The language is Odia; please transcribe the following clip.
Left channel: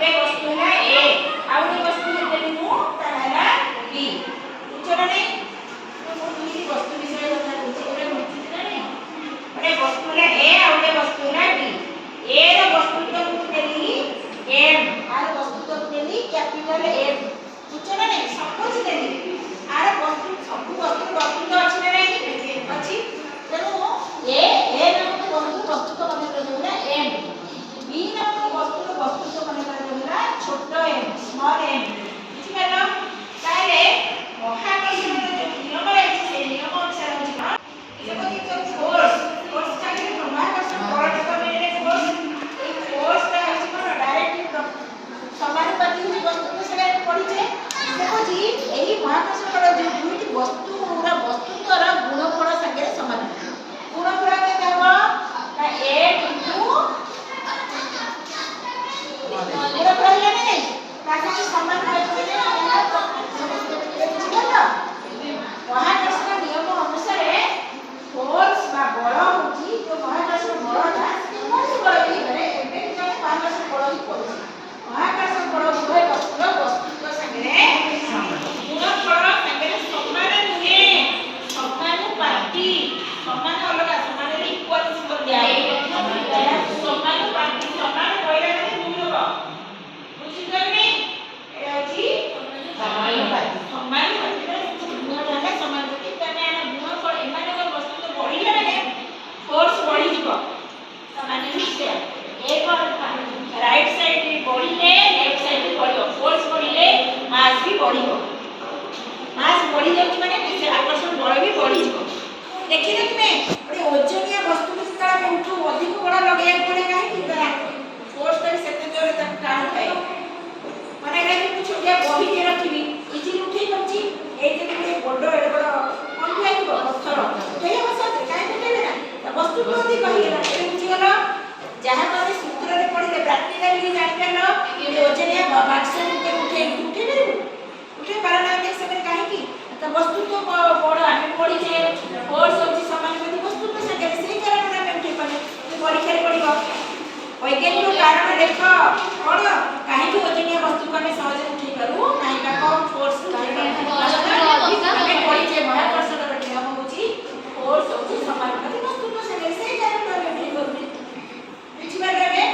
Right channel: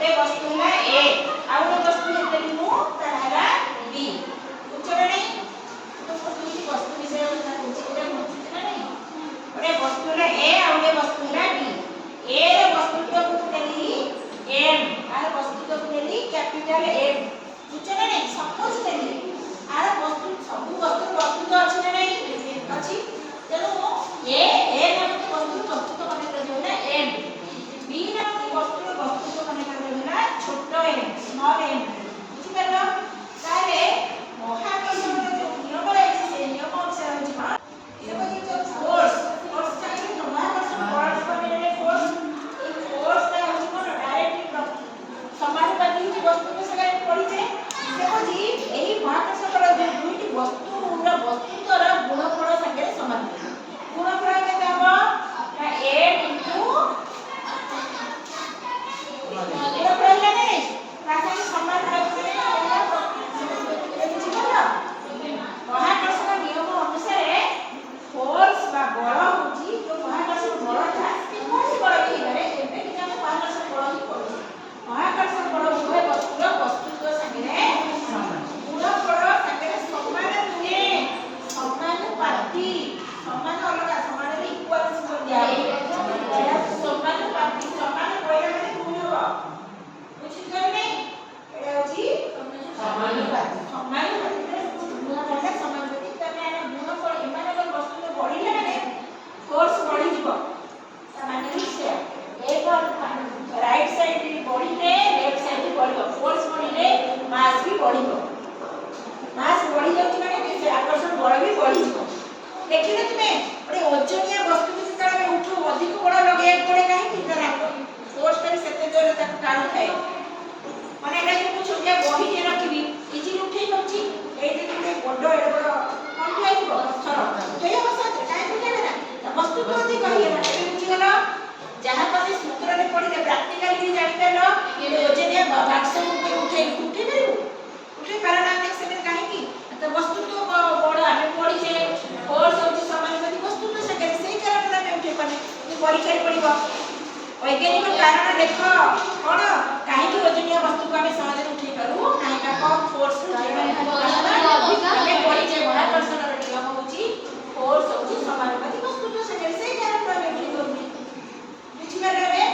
ଗୋଟେ ବସ୍ତୁ ହେଲା A ଆଉ ଗୋଟେ ବସ୍ତୁ ହେଲେ ମୁଁ ତାହେଲା B ବୁଝଛ ନା ନାହିଁ ମୁଁ ଦୁଇଟି ବସ୍ତୁ ବିଷୟରେ କଥା କହୁଛି ଗୋଟେ ବୁଝିଛ ନା ନାହିଁ ଗୋଟେ ବସ୍ତୁ ହେଲା A ଆଉ ଗୋଟେ ବସ୍ତୁ ହେଲା B A ର ବସ୍ତୁତ୍ୱ ମୁଁ ନେଲି M ଆର ବସ୍ତୁତ୍ୱ ନେଲି କ୍ୟାପିଟାଲ M ବୁଝଛ ନା ନାହିଁ ସପୋଜ ନେଲି ଆର ବସ୍ତୁ ସବୁ ବସ୍ତୁର ବସ୍ତୁତ୍ୱ ଅଛି ନା ନାହିଁ ଅଛି ତେଣୁ A ନାମକ ବସ୍ତୁତ୍ୱ ମନେ ରଖିବା M B ନାମକ ବସ୍ତୁର ବସ୍ତୁତ୍ୱ ମନେ ରଖିବା ଛୋଟ m ସ୍ମଲ୍ m ବୁଝିପାରିଲ ତାହେଲେ ମହାକର୍ଷଣର ଯୋଉ ନିୟମ ରହିଛି ସେ ନିୟମ ଅନୁସାରେ ହେଉଛି କ'ଣ ଯେମିତି ଫୋର୍ସ ଚାଲିଲେ ମହାକର୍ଷଣ ବଳ କମେଇଲେ ଫୋର୍ସ এই ଫୋର୍ସଟା ହେଉଛି କ'ଣ ଡାଇରେକ୍ଟ ସମାନୁପାତିକ ହେଉଛି ବସ୍ତୁକୁ ସେଟା ପଡ଼ିଛେ ଦେଖୁଛି ଏହି ମହାକର୍ଷଣ ବଳ ଯୋଉ ଦୁଇଟି ବସ୍ତୁର ବସ୍ତୁତ୍ୱର ଗୁଣଫଳ ସାଙ୍ଗରେ ସମାନ ଗୁଣଫଳ କେତେ ହେବ ନା a into ଗୁଣ ରହିଲେ ନା ନାହିଁ ତା ସାଙ୍ଗେ ସମାନ ମହାକର୍ଷଣ ନିୟମ ଅନୁସାରେ ଫୋର୍ସ ବା ବଳ ହେଉଛି ଯୋଉ ମହାକର୍ଷଣ ବଳଟା କୌଣସି ବଳ ବି ହେଇପାରେ ଏବେ କିନ୍ତୁ ଆମେ ମହାକର୍ଷଣ ବଳ ହିଁ କହୁଛୁ ମହାକର୍ଷଣ ବଳ ଉଭୟ ବସ୍ତୁର ବସ୍ତୁତ୍ୱ ସାଙ୍ଗରେ ଗୁଣଫଳ ସାଙ୍ଗରେ ସମାନ ନୁହେଁ ସମାନୁପାତି ସମାନ ଅଲଗା ସମାନରେ ଇକ୍ୱାଲ ସିମ୍ବଲ ଦିଆହେବ ସମାନୁପାତି ସମାନ କହିଲା ମାନେ ଗୁଣ ହେବ ବୁଝିପାରିଲେ ଏଟା ହେଉଛି ସମାନୁପାତି ସମାନୁପାତିରେ ଗୁଣଟା ସମାନୁପାତି ତମେ ଆମ ଗୁଣଫଳ ଏମାନଙ୍କର ବସ୍ତୁତ୍ୱ ବଢ଼ିଲେ ମାନେ ଫୋର୍ସ ବଢ଼ିଯିବ ତାମାନେ ସେଇଆ ଏକ ରାଇଟ୍ ସାଇଡ୍ ବଢ଼ିଲେ ଲେଫ୍ଟ ସାଇଡ୍ ବଢ଼ିବ ଫୋର୍ସ ବଢ଼ିଲେ ମାସ୍ ବି ବଢ଼ିବ ମାସ୍ ବଢ଼ି ଯାଉଛି ମାନେ ଆକର୍ଷଣ ବଳ ବି ବଢ଼ିଯିବ ଦେଖିଲ ତୁମେ ଗୋଟେ ଓଜନିଆ ବସ୍ତୁକୁ ଯେତେବେଳେ ଆମେ ଉଠୁ ଅଧିକ ବଳ ଲଗେଇବାକୁ ପଡ଼େ କାହିଁକି ତାର ଫୋର୍ସଟା ବି ସେତେ ଜୋରରେ ତାକୁ ଟାଣୁଥାଏ ମାନେ ଏଇଟା ଯଦି ମୁଁ ଛୋଟିଆ ବହିଟେ ରଖିବି ଇଜିଲି ଉଠେଇ ପାରୁଛି ଏଇ ଯଦି ଗୋଟେ ବଡ଼ ଏଡ଼େ ବଡ଼ କ'ଣ ଥିବ ପଥର ଉଠେଇ ହେବ ସହଜରେ କାହିଁକି ଉଠେଇବେ ନା ତା ବସ୍ତୁକୁ ଅଧିକ ହେଇଗଲା ଏବେ ବୁଝିଗଲ ଯାହା ତମେ ସୂତ୍ରରେ ପଢ଼ିଲେ ପ୍ରାକ୍ଟିକାଲି ବି ଜାଣିପାରିଲ ଏ ଓଜନିଆ ବାକ୍ସକୁ ଉଠେଇ ପାରିବୁ ଉଠେଇ ପାରୁନାହାନ୍ତି ସେମାନେ କାହିଁକି ତା ବସ୍ତୁତ୍ୱ ବଡ଼ ଆମେ ପଢ଼ିଛେ ଫୋର୍ସ ହେଉଛି ସମାନୁପାତି ବସ୍ତୁତ୍ୱ ସାଙ୍ଗରେ ସେଇ କାରଣରେ ଆମେ ଉଠେଇ ପାରୁନେ ପରୀକ୍ଷାରେ ପଡ଼ିବ ବୈଜ୍ଞାନିକ କାରଣ ଦେଖ କ'ଣ କାହିଁକି ଓଜନିଆ ବସ୍ତୁକୁ ଆମେ ସହଜରେ ଉଠେଇ ପାରୁ ନାହିଁ ବା କମ୍ ଫୋର୍ସ ଉଠେଇ ପାରୁ ଆମେ ପଢ଼ିଛେ ମହାକର୍ଷଣର ନିୟମ ହେଉଛି ଫୋର୍ସ ହେଉଛି ସମାନୁପାତି ବସ୍ତୁତ୍ୱ ସାଙ୍ଗରେ ସେଇ କାରଣରେ ଆମେ ଉଠେଇ ପାରୁନେ ବୁଝିପାରିଲେ